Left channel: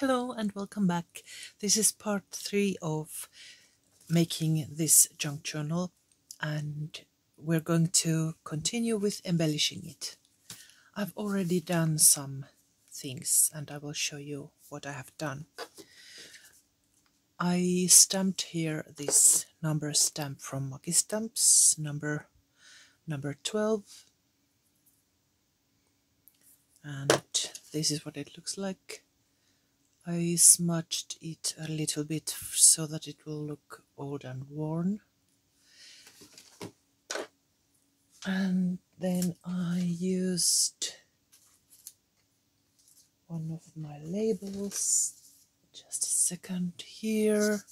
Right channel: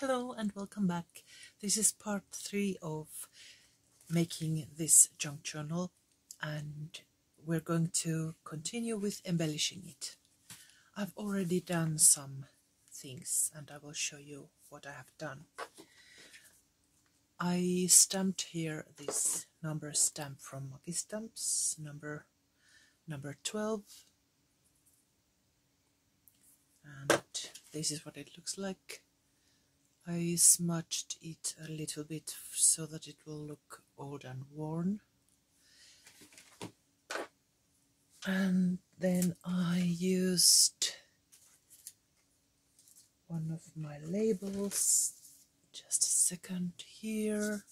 Hello and welcome back. This is part 3 of making this junk journal, and we're going to continue with embellishing it. I've already done some things and I will show you what I have done. I stamped here this number stamp from Makistamps, number 12, and this is what it looks like. I smudged it a little bit so that it will look old and worn. And then I used one of my labels, just a second here.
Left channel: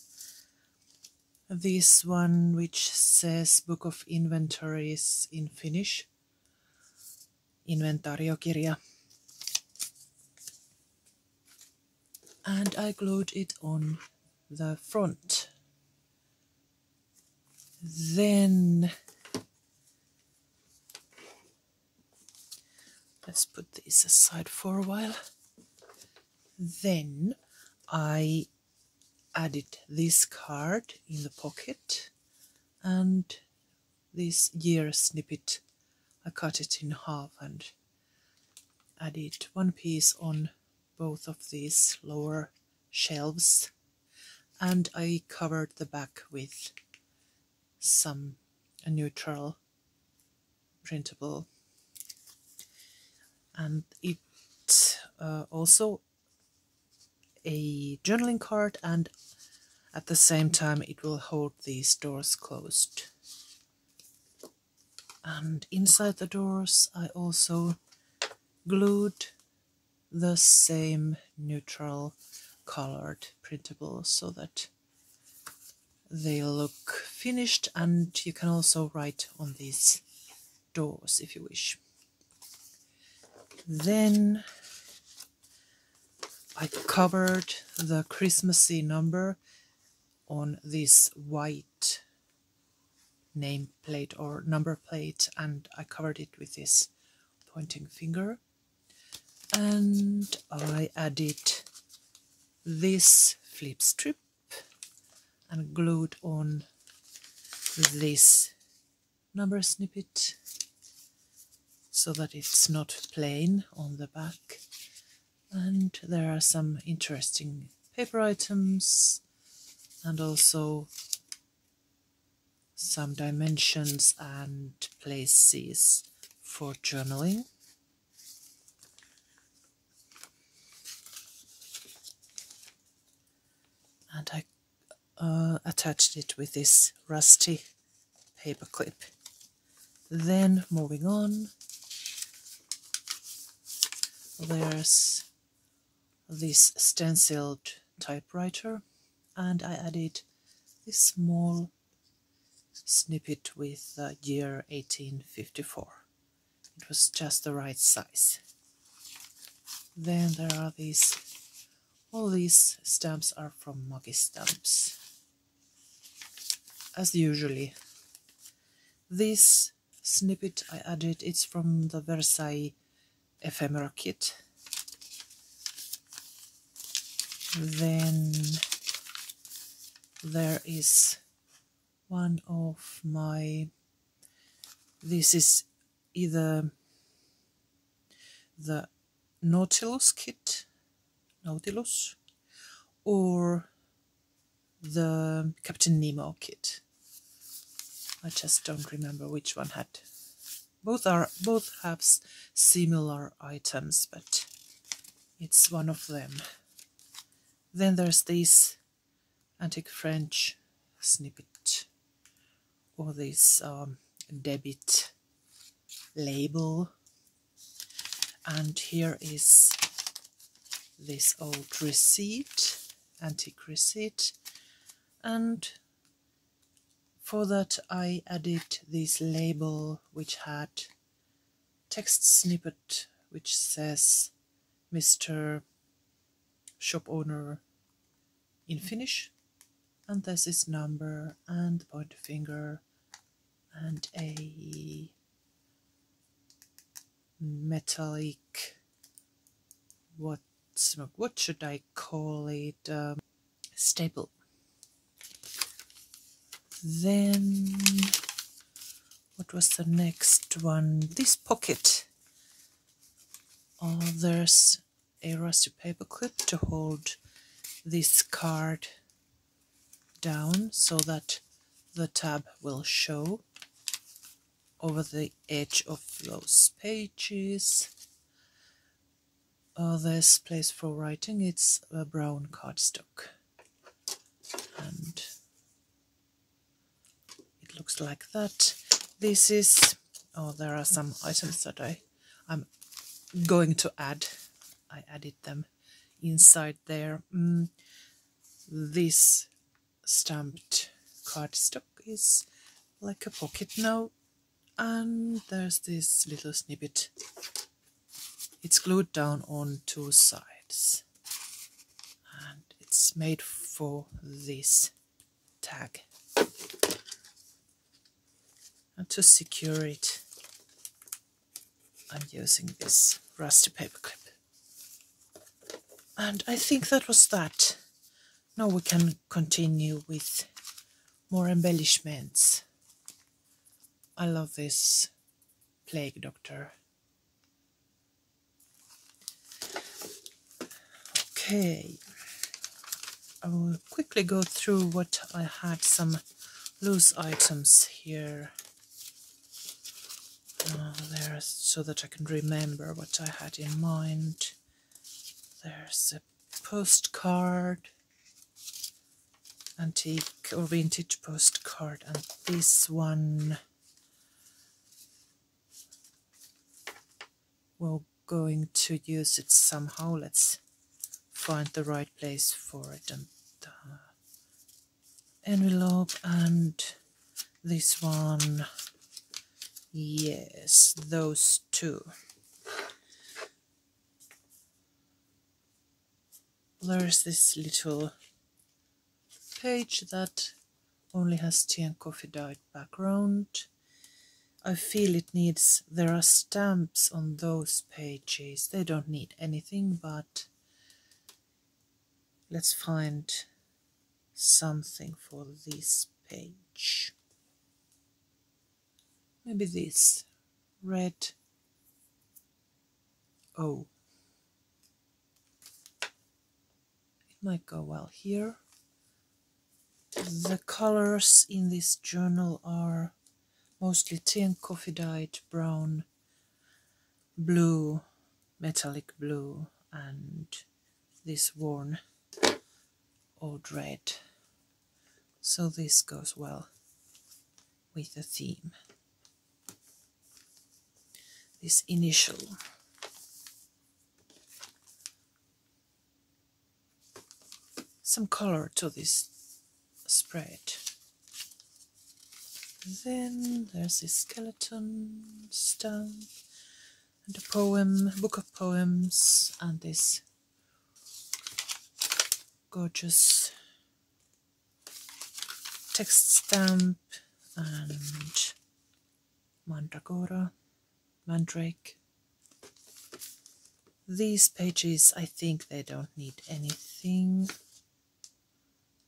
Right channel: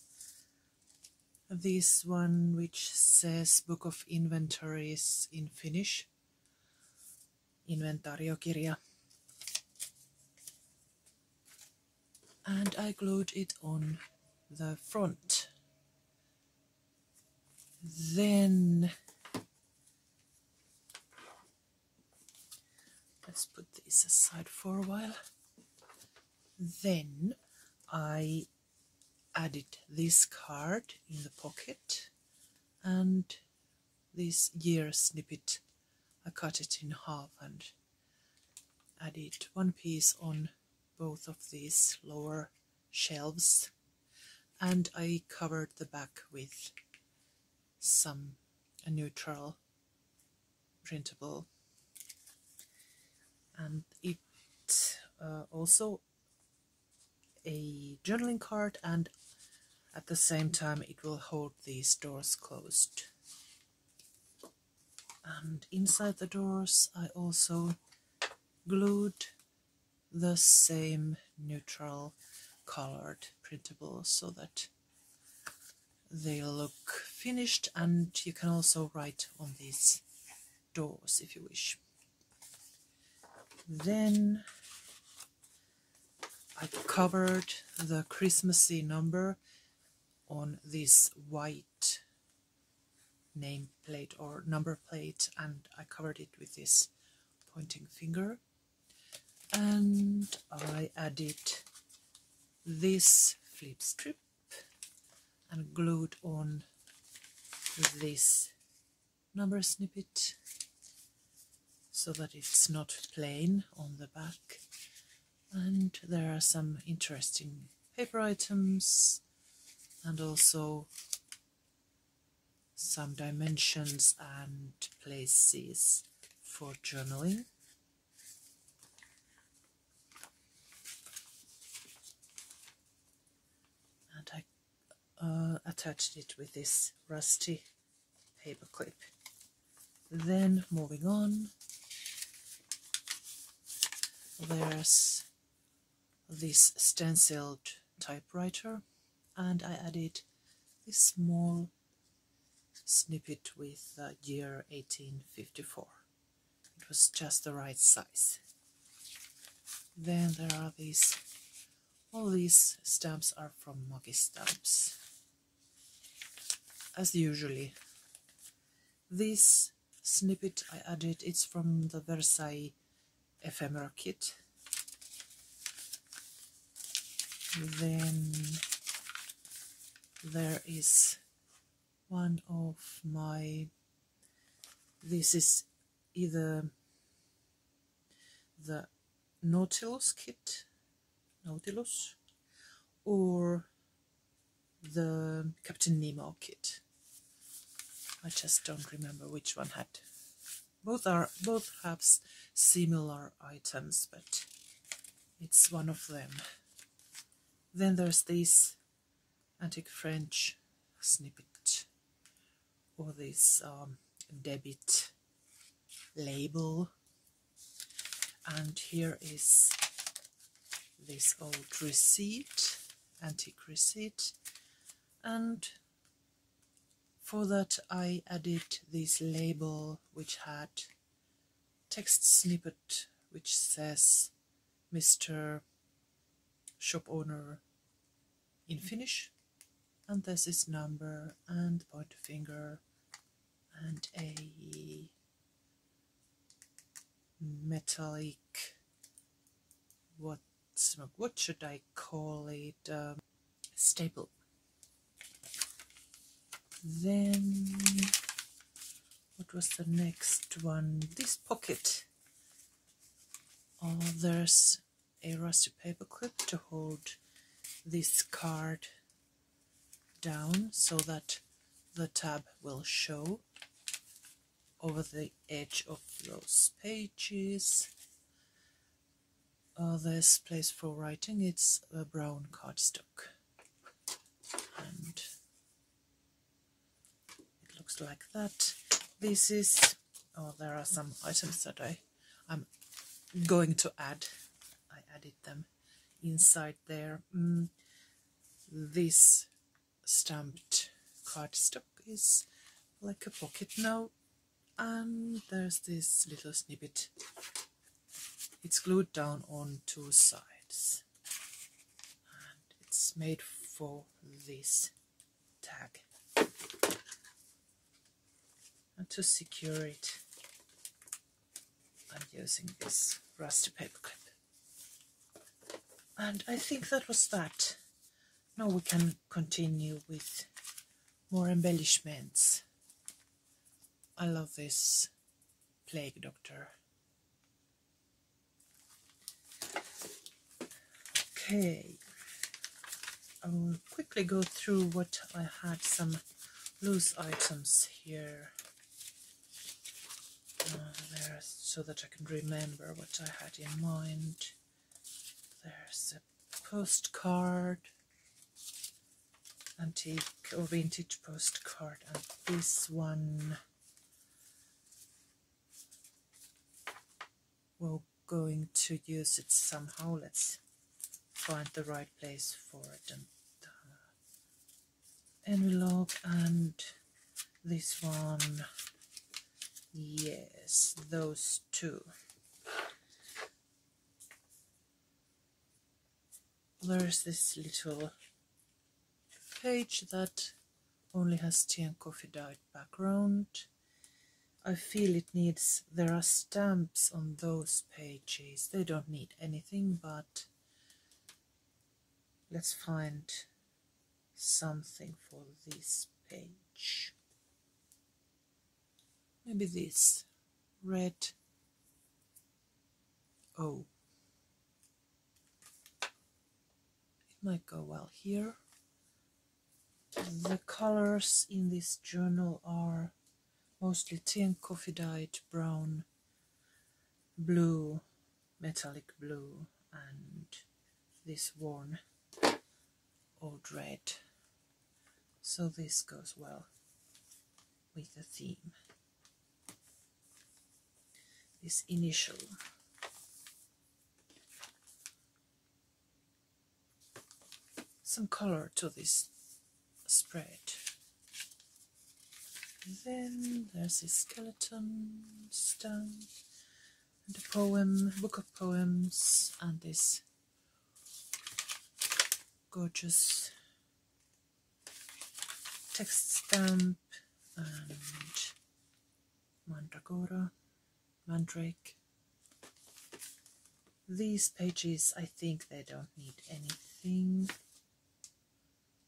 This one which says Book of Inventories in Finnish, inventaariokirja. And I glued it on the front. Then let's put these aside for a while. Then I added this card in the pocket and this year snippet. I cut it in half and added one piece on both of these lower shelves, and I covered the back with a neutral printable, and it also a journaling card, and at the same time it will hold these doors closed. And inside the doors I also glued the same neutral colored printable so that they look finished, and you can also write on these doors if you wish. Then I covered the Christmassy number on this white nameplate or number plate, and I covered it with this pointing finger. And I added this flip strip and glued on this number snippet so that it's not plain on the back. And there are some interesting paper items and also some dimensions and places for journaling. And I attached it with this rusty paper clip. Then moving on, there's this stenciled typewriter, and I added this small snippet with the year 1854. It was just the right size. Then there are all these stamps are from Makistamps. As usually, this snippet I added, it's from the Versailles ephemera kit. Then there is one of this is either the Nautilus kit, or the Captain Nemo kit. I just don't remember which one had. Both have similar items, but it's one of them. Then there's this antique French snippet, or this debit label, and here is this old receipt, antique receipt, and for that I added this label which had text snippet which says Mr. Shop Owner in Finnish, and there's this number and pointer finger and a metallic, what what should I call it, staple. Then what was the next one? This pocket. There's a rusty paper clip to hold this card down so that the tab will show over the edge of those pages. There's place for writing. It's a brown cardstock, and it looks like that. This is, there are some items that I'm going to add. I added them inside there. This stamped cardstock is like a pocket note, and there's this little snippet. It's glued down on two sides, and it's made for this tag. And to secure it, I'm using this rusty paper clip. And I think that was that. Now we can continue with more embellishments. I love this Plague Doctor. Okay, I will quickly go through what I had, some loose items here. There, so that I can remember what I had in mind. There's a postcard, antique or vintage postcard, and this one we're going to use it somehow. Let's find the right place for it. And envelope, and this one. Yes, those two. There's this little page that only has tea and coffee dyed background. I feel it needs, there are stamps on those pages. They don't need anything, but let's find something for this page. Maybe this red O. It might go well here. The colors in this journal are mostly tea and coffee dyed brown, blue, metallic blue, and this worn old red. So this goes well with the theme. This initial. Some color to this spread. Then there's this skeleton stamp and a poem, book of poems, and this gorgeous text stamp and mandrake. These pages, I think they don't need anything.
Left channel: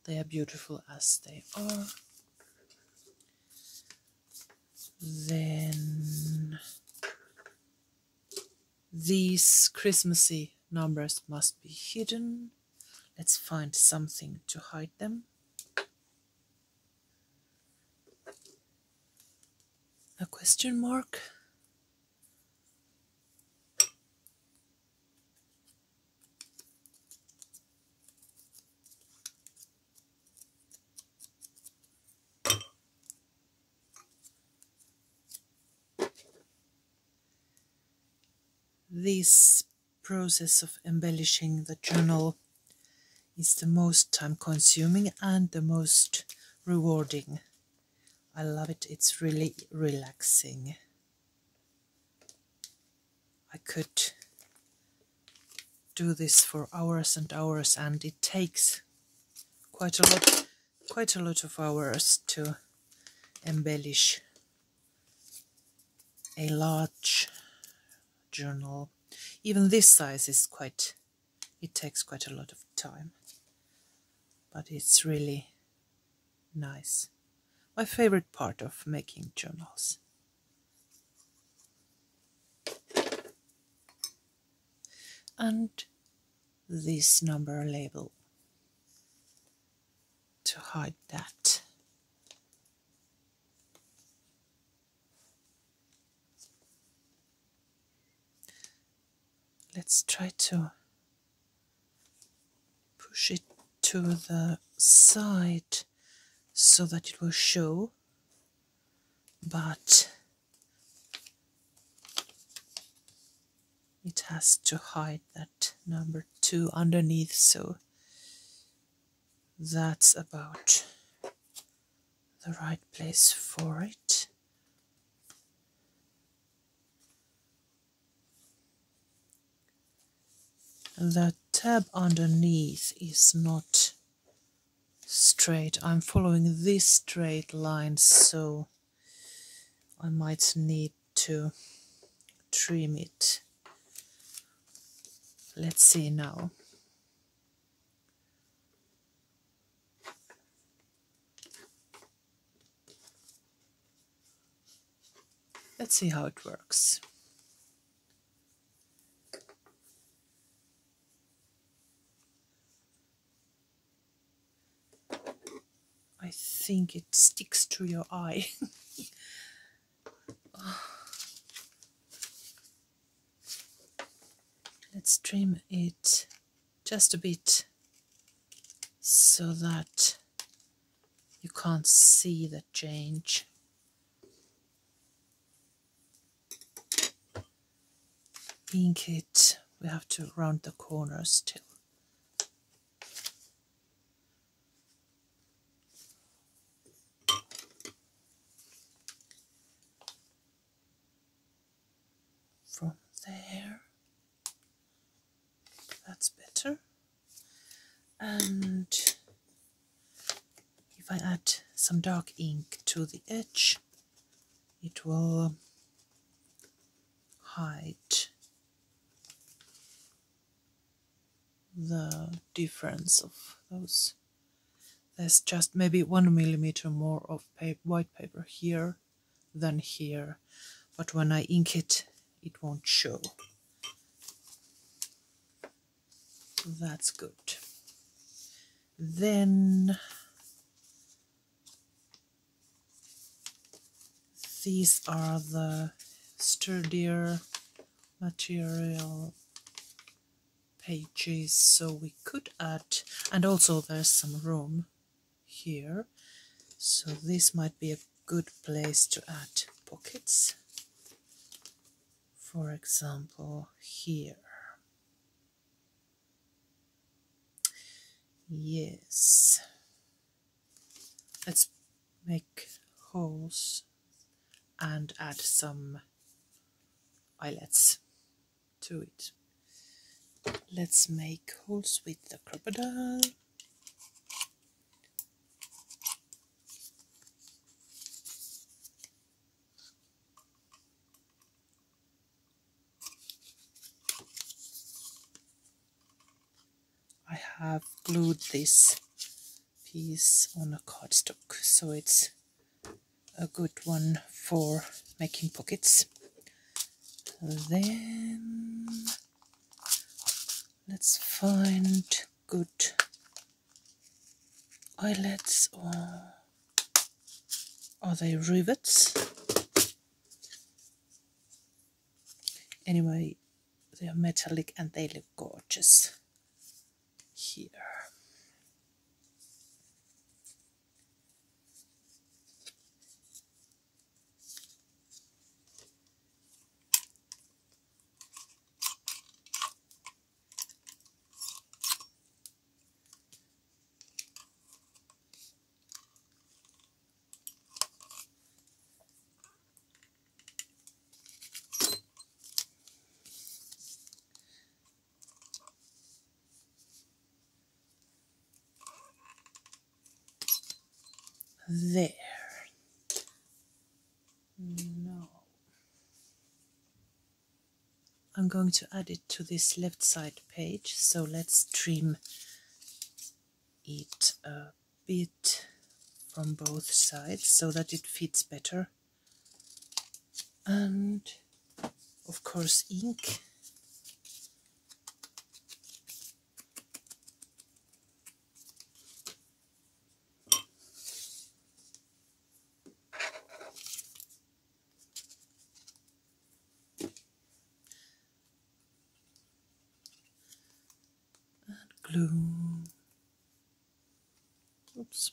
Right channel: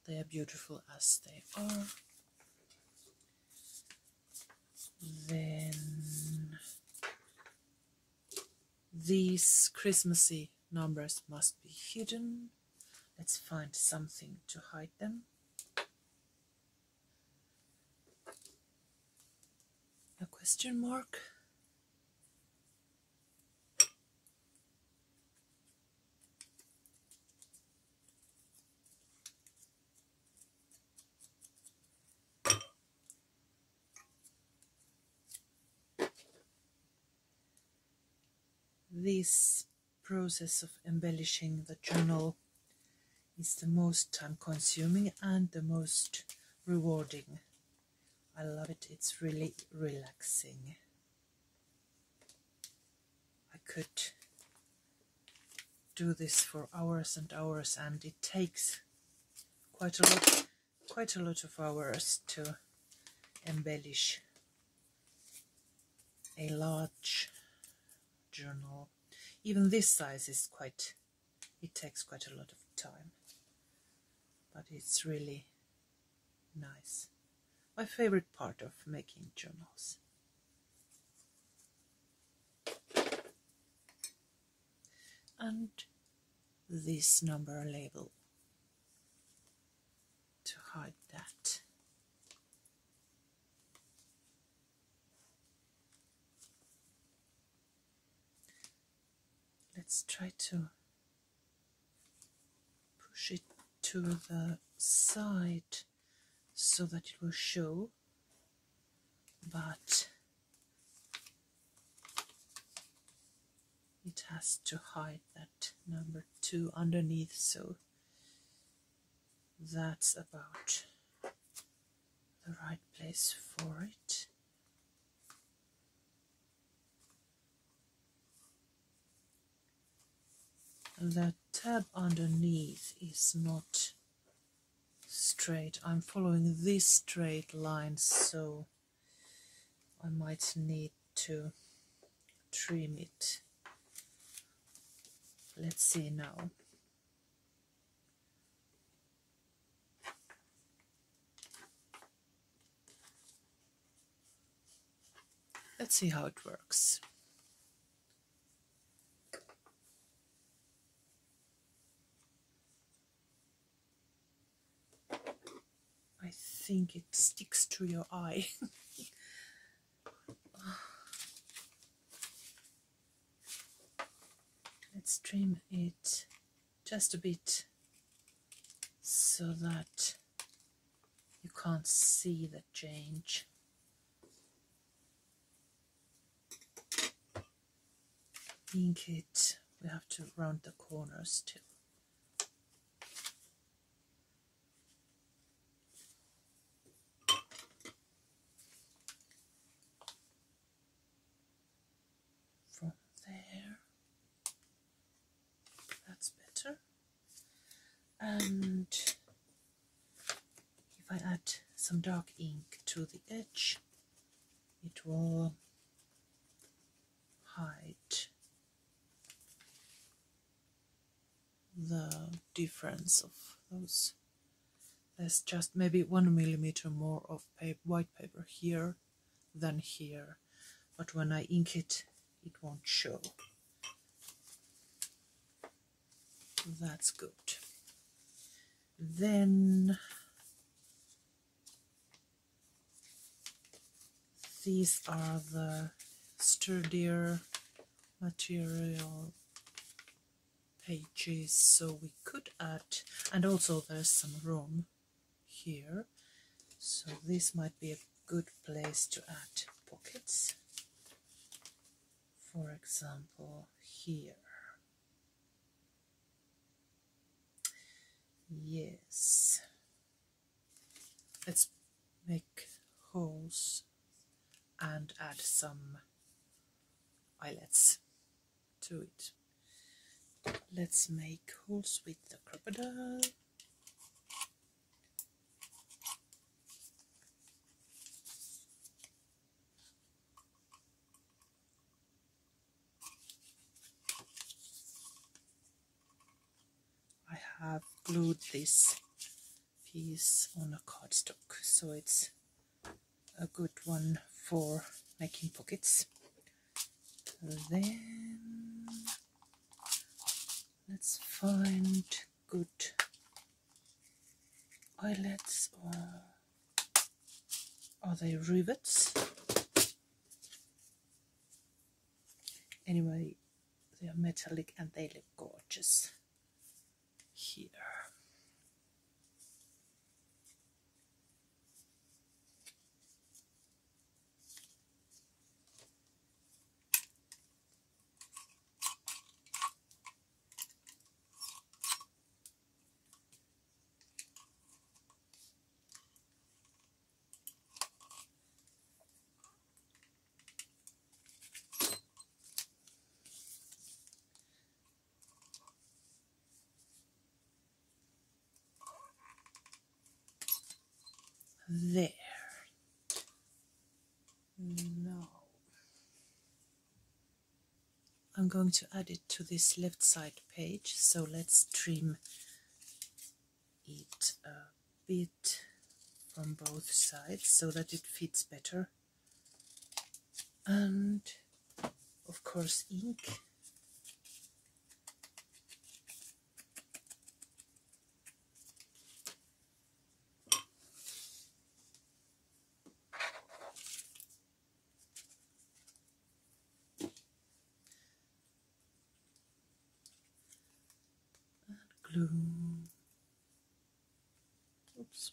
They are beautiful as they are. Then these Christmassy numbers must be hidden. Let's find something to hide them. A question mark. This process of embellishing the journal is the most time-consuming and the most rewarding. I love it. It's really relaxing. I could do this for hours and hours, and it takes quite a lot of hours to embellish a large journal. Even this size is quite It takes quite a lot of time, but it's really nice. My favorite part of making journals. And this number label to hide that. Let's try to push it to the side so that it will show, but it has to hide that number 2 underneath, so that's about the right place for it. The tab underneath is not straight. I'm following this straight line, so I might need to trim it. Let's see now. Let's see how it works. I think it sticks to your eye. Let's trim it just a bit so that you can't see the change. Ink it, we have to round the corners still. From there, that's better. And if I add some dark ink to the edge, it will hide the difference of those. There's just maybe 1 millimeter more of white paper here than here, but when I ink it, it won't show. That's good. Then these are the sturdier material pages, so we could add, and also there's some room here, so this might be a good place to add pockets, for example here. Yes, let's make holes and add some eyelets to it. Let's make holes with the crocodile. I have glued this piece on a cardstock, so it's a good one for making pockets. Then let's find good eyelets, or are they rivets? Anyway, they are metallic and they look gorgeous here. There. Now I'm going to add it to this left side page, so let's trim it a bit from both sides so that it fits better. And of course ink. Glue. Oops.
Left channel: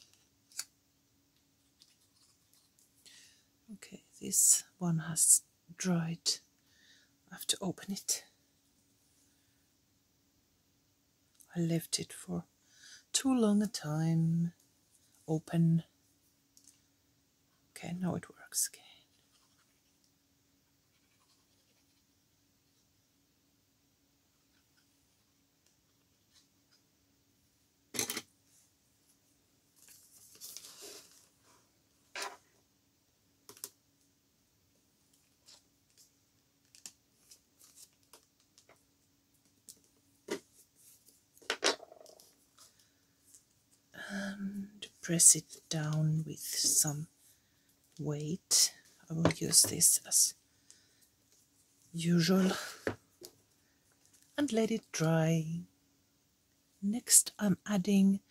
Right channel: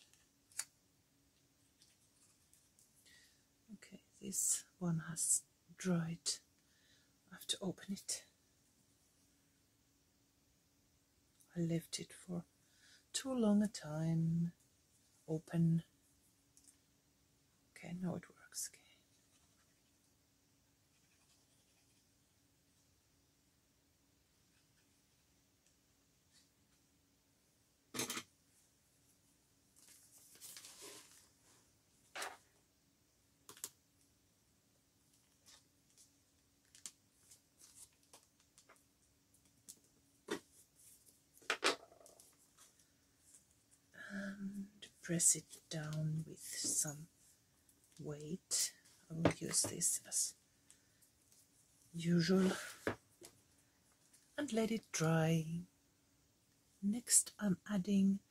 Okay, this one has dried. I have to open it. I left it for too long a time. Open. Okay, now it works again. And press it down with some weight. I will use this as usual and let it dry. Next I'm adding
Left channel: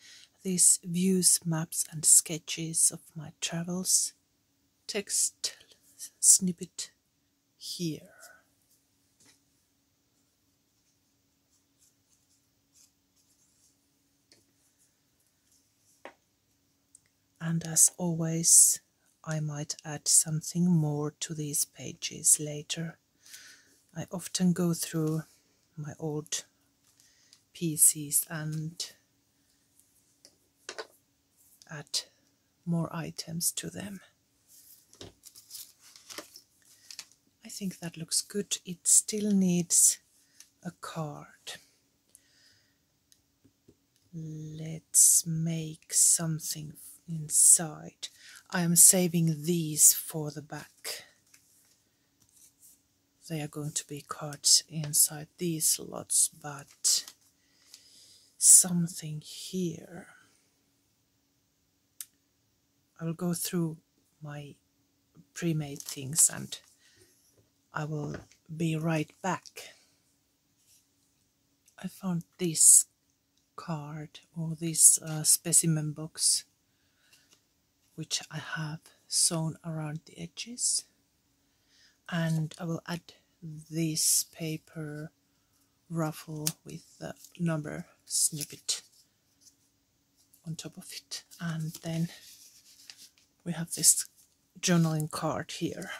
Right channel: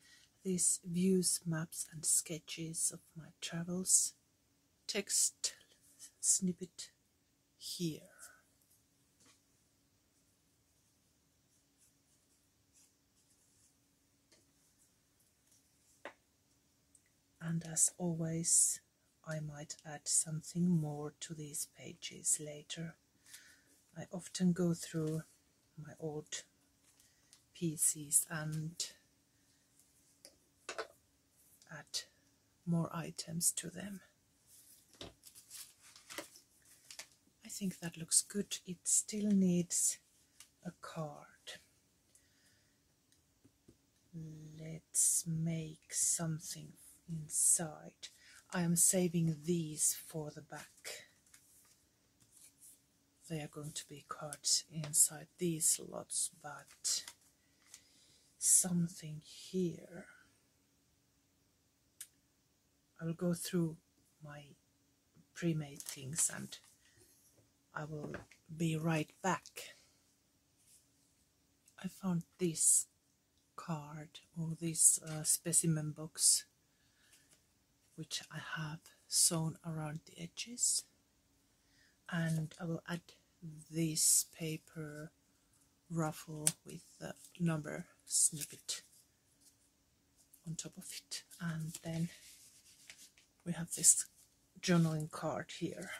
these views, maps and sketches of my travels text snippet here. And as always, I might add something more to these pages later. I often go through my old PCs and add more items to them. I think that looks good. It still needs a card. Let's make something inside. I am saving these for the back. They are going to be cards inside these slots, but something here. I will go through my pre-made things and I will be right back. I found this card or this specimen box which I have sewn around the edges, and I will add this paper ruffle with the number snippet on top of it, and then we have this journaling card here.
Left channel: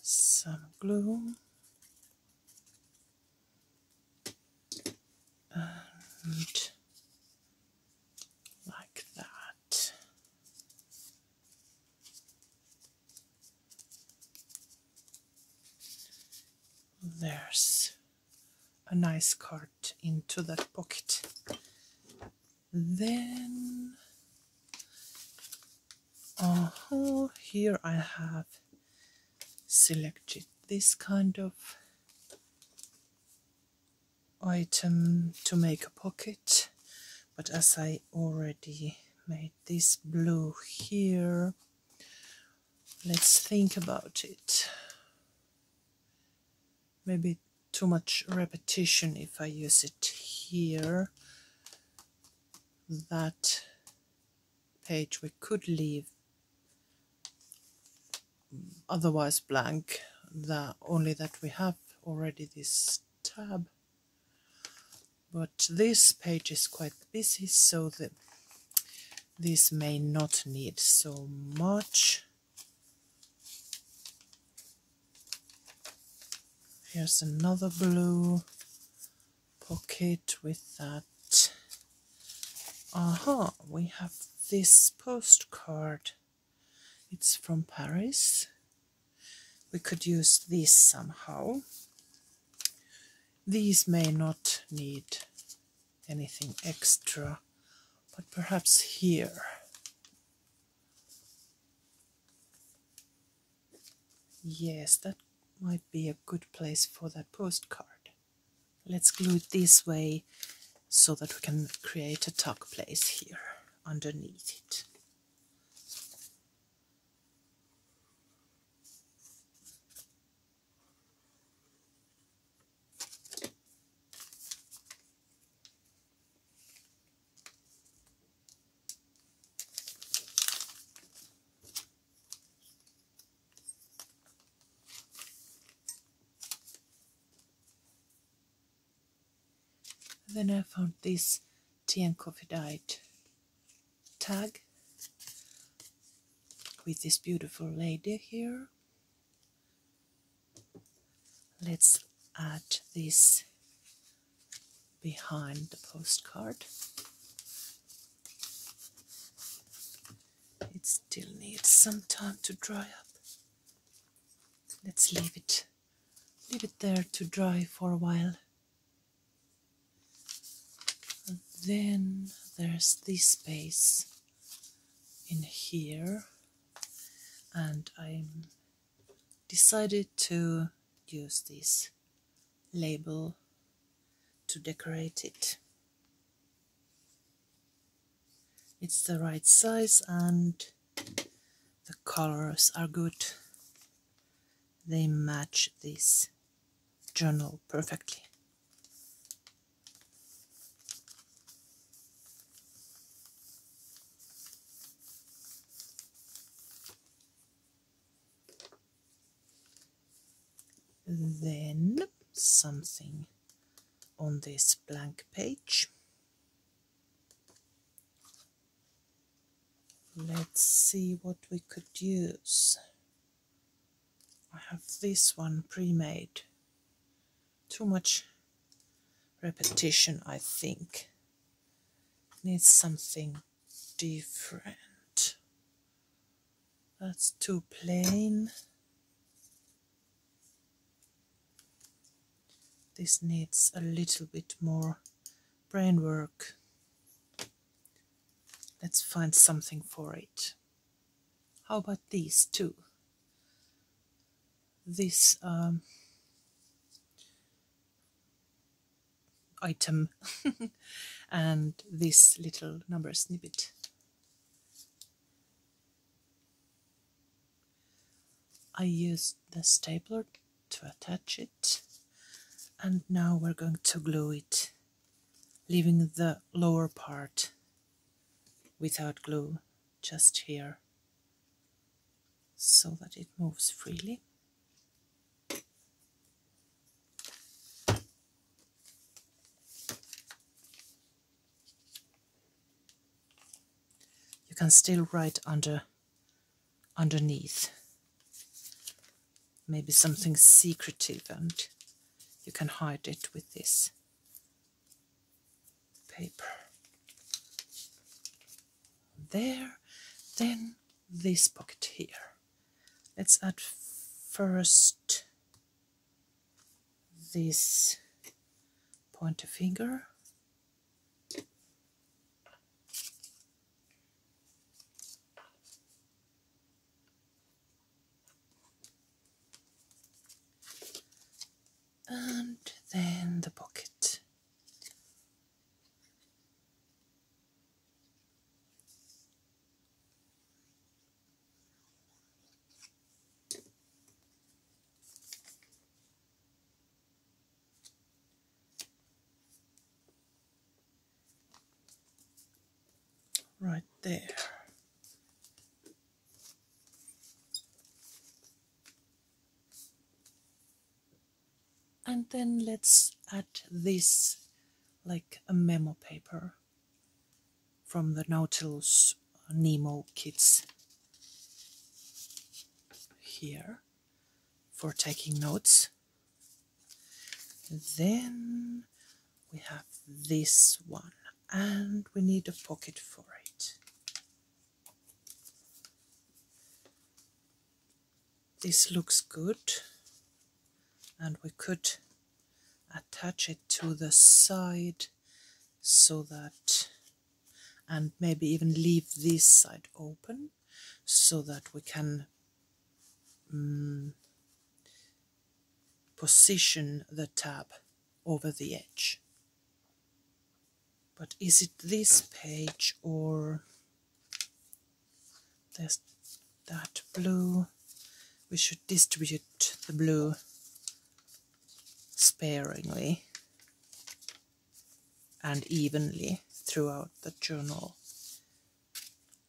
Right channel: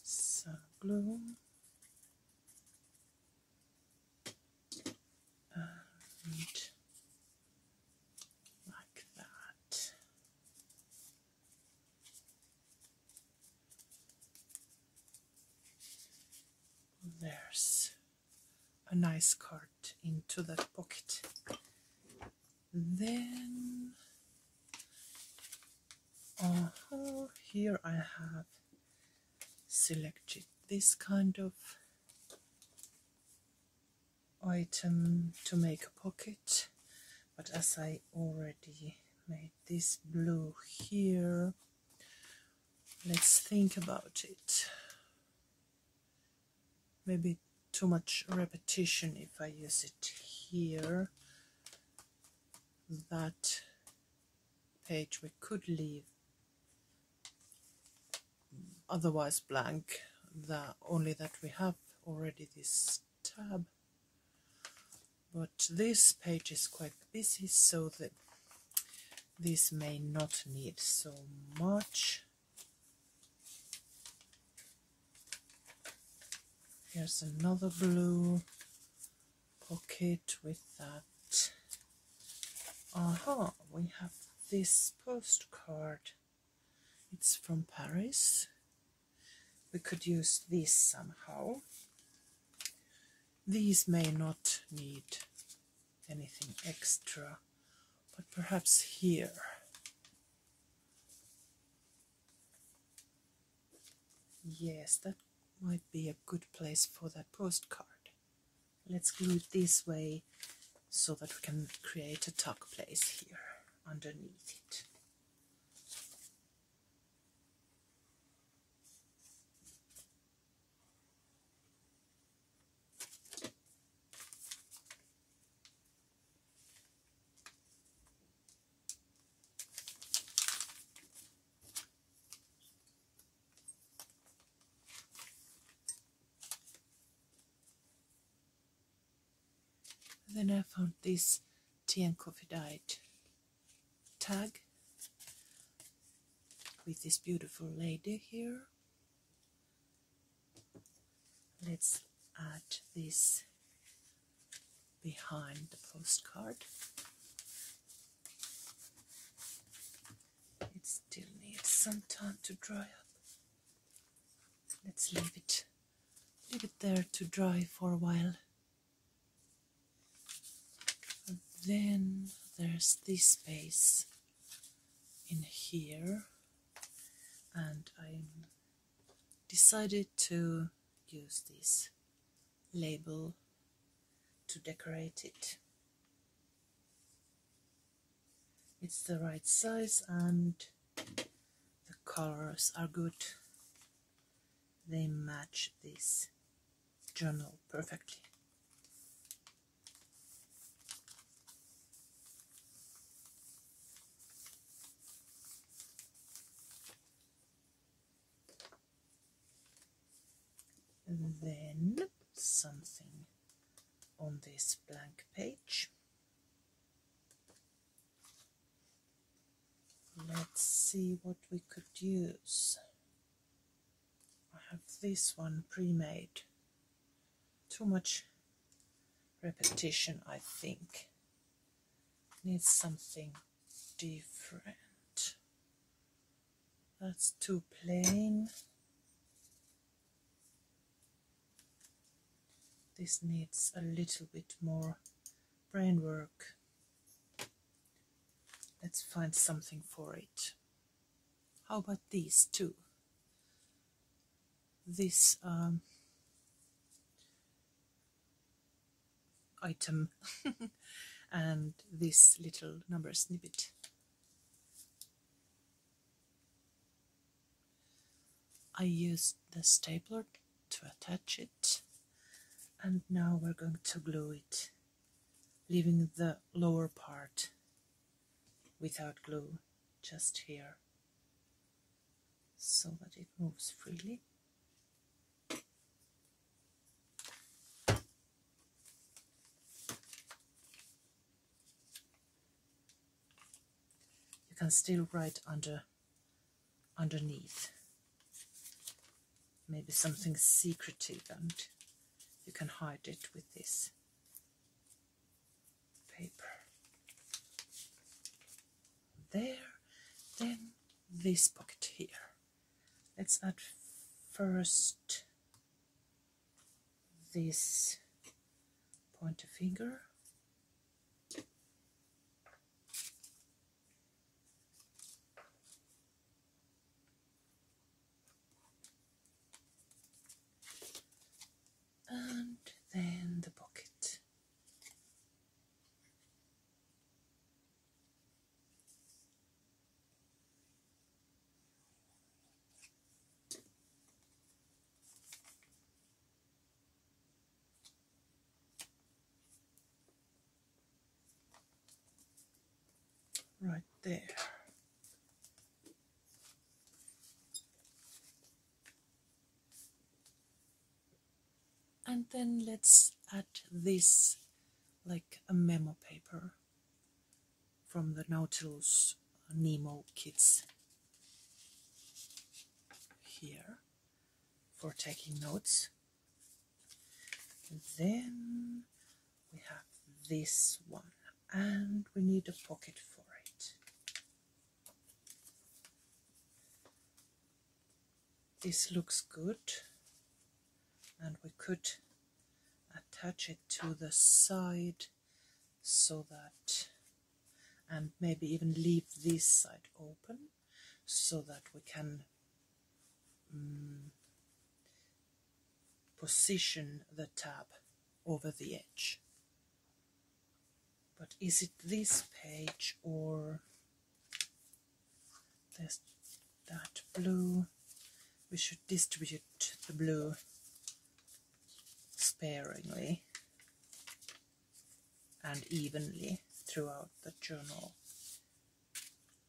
Some glue and like that. There's a nice card into that pocket. Then here I have selected this kind of item to make a pocket, but as I already made this blue here, let's think about it. Maybe too much repetition if I use it here. That page we could leave otherwise blank, only that we have already this tab. But this page is quite busy, so that this may not need so much. Here's another blue pocket with that. We have this postcard. It's from Paris. We could use this somehow. These may not need anything extra, but perhaps here. Yes, that might be a good place for that postcard. Let's glue it this way so that we can create a tuck place here underneath it. Then I found this tea and coffee diet tag with this beautiful lady here. Let's add this behind the postcard. It still needs some time to dry up. Let's leave it there to dry for a while. And then there's this space in here, and I decided to use this label to decorate it. It's the right size and the colors are good. They match this journal perfectly. Then something on this blank page. Let's see what we could use. I have this one pre-made. Too much repetition, I think. Needs something different. That's too plain. This needs a little bit more brain work. Let's find something for it. How about these two? This item and this little number snippet. I used the stapler to attach it, and now we're going to glue it, leaving the lower part without glue, just here, so that it moves freely. You can still write underneath, maybe something secretive, and you can hide it with this paper. There, then this pocket here. Let's add first this pointer finger. And then the pocket. Right there. And then let's add this like a memo paper from the Nautilus Nemo kits here for taking notes. Then we have this one, and we need a pocket for it. This looks good, and we could attach it to the side so that, and maybe even leave this side open so that we can position the tab over the edge. But is it this page or there's that blue? We should distribute the blue sparingly and evenly throughout the journal.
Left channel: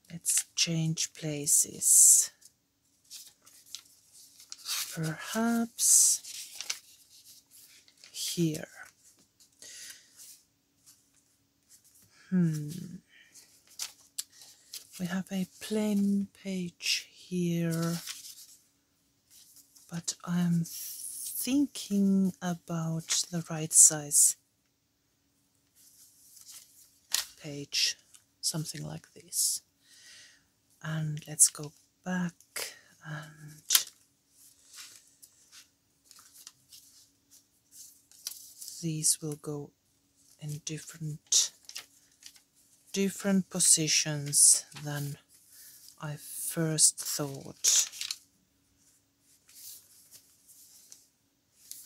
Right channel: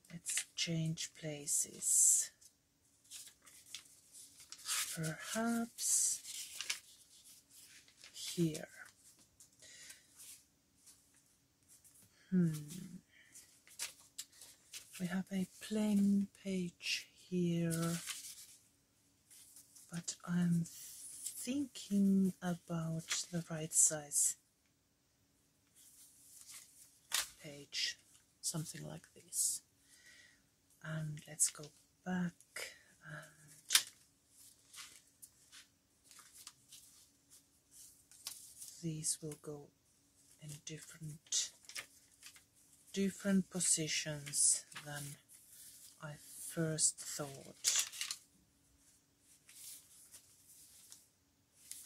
Let's change places. Perhaps here. We have a plain page here, but I'm thinking about the right size page, something like this. And let's go back, and these will go in different positions than I first thought.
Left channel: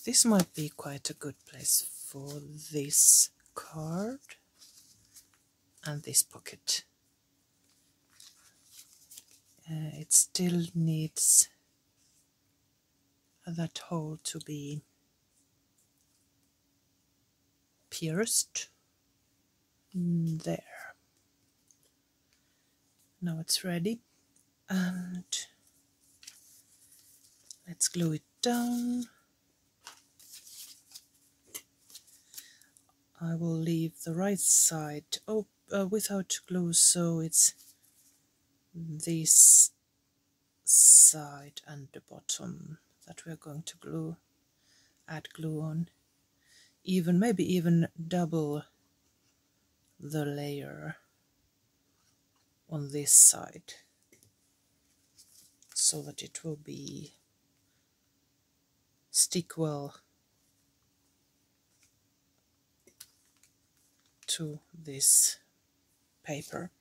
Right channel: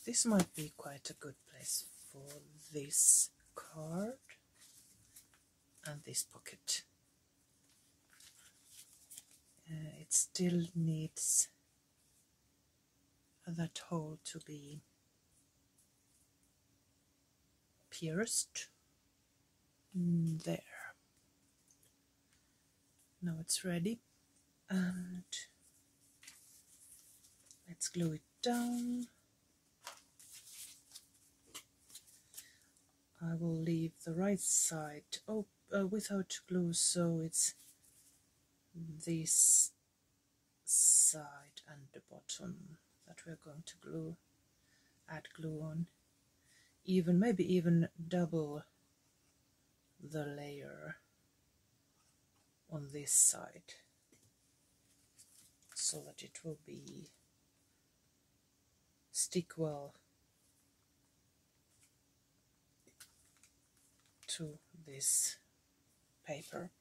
This might be quite a good place for this card and this pocket. It still needs that hole to be pierced. There. Now it's ready, and let's glue it down. I will leave the right side without glue, so it's this side and the bottom that we're going to add glue on. Maybe even double the layer on this side so that it will stick well to this paper.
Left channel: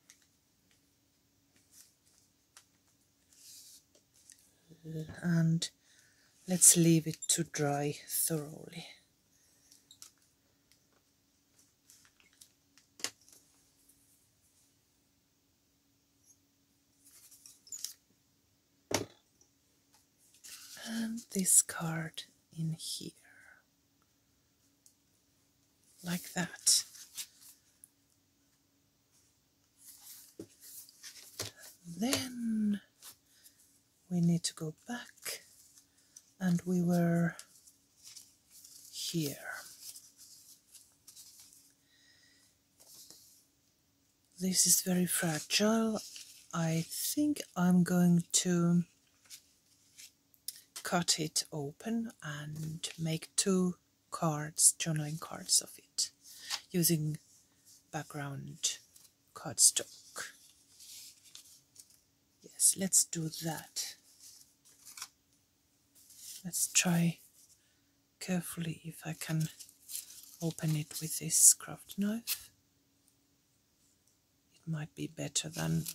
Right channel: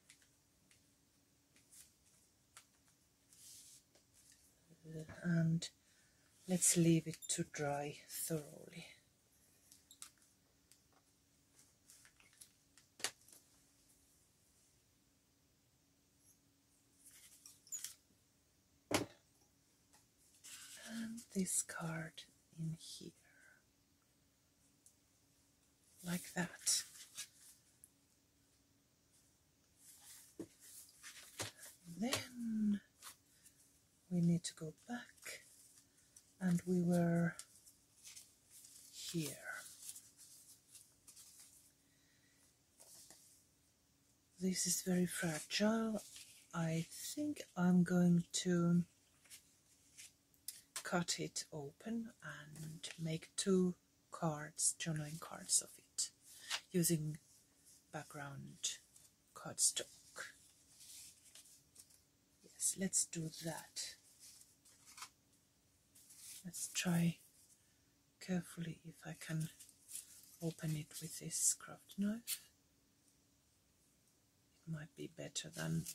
And let's leave it to dry thoroughly. And this card in here, like that. Then we need to go back, and we were here. This is very fragile. I think I'm going to cut it open and make 2 cards, journaling cards of it, using background cardstock. Yes, let's do that. Let's try carefully if I can open it with this craft knife. It might be better than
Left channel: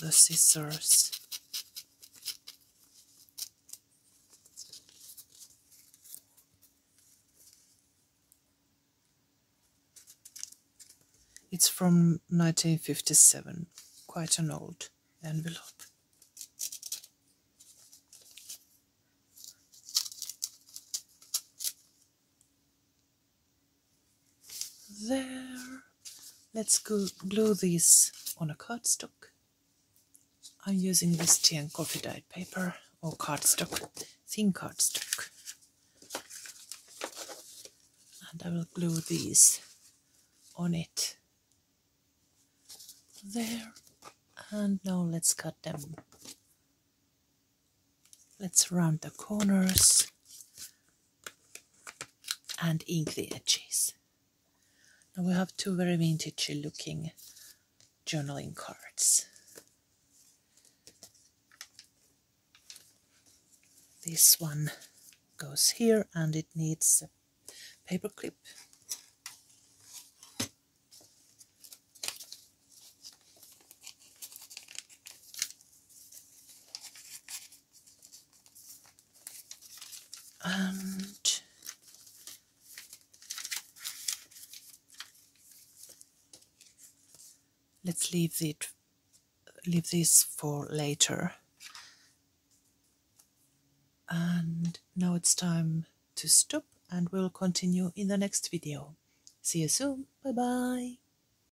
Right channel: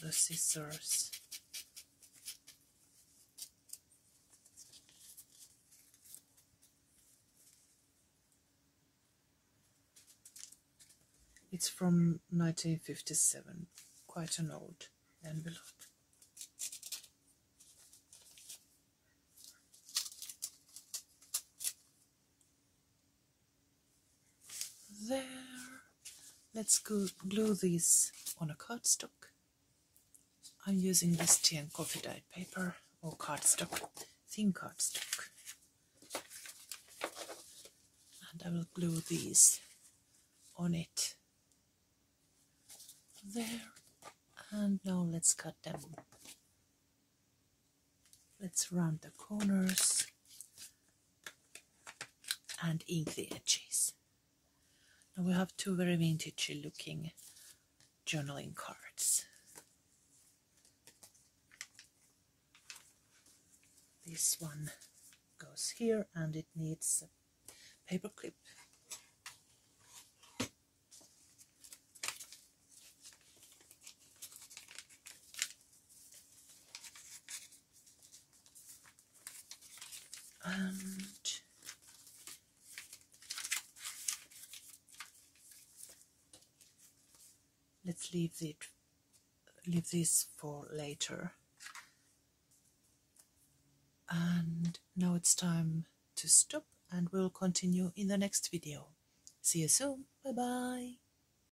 the scissors. It's from 1957, quite an old envelope. There. Let's glue these on a cardstock. I'm using this tea and coffee dyed paper or cardstock, thin cardstock. And I will glue these on it. There. And now let's cut them. Let's round the corners and ink the edges. Now we have 2 very vintage looking journaling cards. This one goes here and it needs a paper clip. And let's leave this for later. And now it's time to stop, and we'll continue in the next video. See you soon. Bye bye.